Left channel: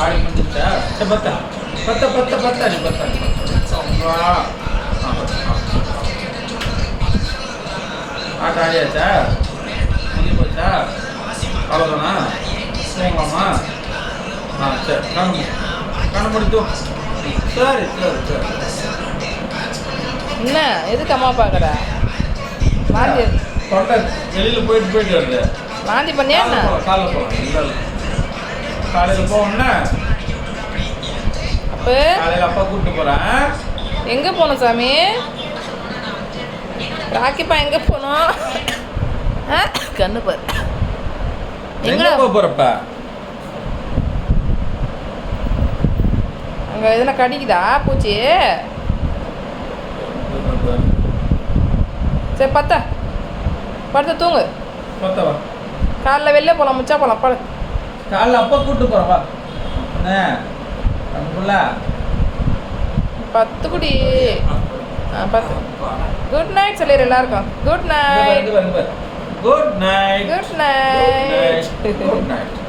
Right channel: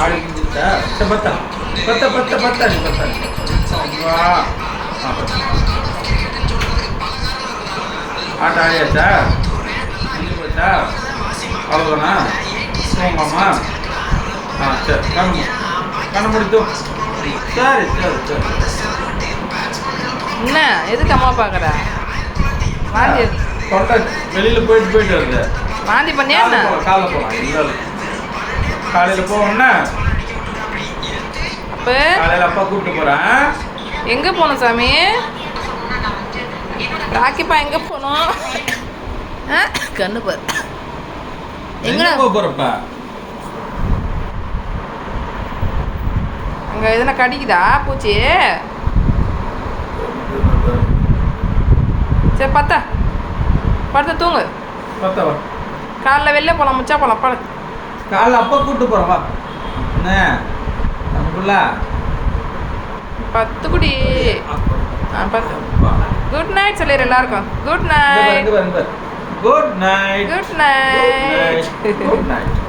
ஆடி முடிஞ்சிருச்சா? சரி பத்தா பத்தா பத்தா பத்தா நீ பத்தா வா ஆட்ட ஆடியாச்சா? முடிஞ்சு போச்சா? அவ்வளோதானா? போங்கம்மா. சரி கண்ணு முடித்து. சரி சரி சரி. என்ன எதுக்கு அம்மா பார்க்குற? வாந்தி தொண்டை வெளியில் போயிட்டு வருது. வாந்தி பண்ணியா என்ன? காலைல போகலாம் இல்லை காலையில் போகணுன்னா அப்போ காலையில் அப்பா கூப்பிட்டு போகிறேன். எங்கே போகணும் சாமி? ராக்கிப்பா எங்கே போகணும்? கண்ணு பாரு எங்கே போக போகிறப்ப? அங்கே எதுனா கடிக்குதா பூச்சி? சரி பத்தா படுத்து தூங்கு. பத்தவா காலைல வெளில போகலாம், முச்சா போகலாம். படு. காலைல அப்பா கூப்பிட்டு போகிறேன் வா. என்ன நமக்குள்ள 10 குடி. 10. குட் நைட் சொல்லிடு எல்லாருக்கும். Good night. Good night. Good night. Good night.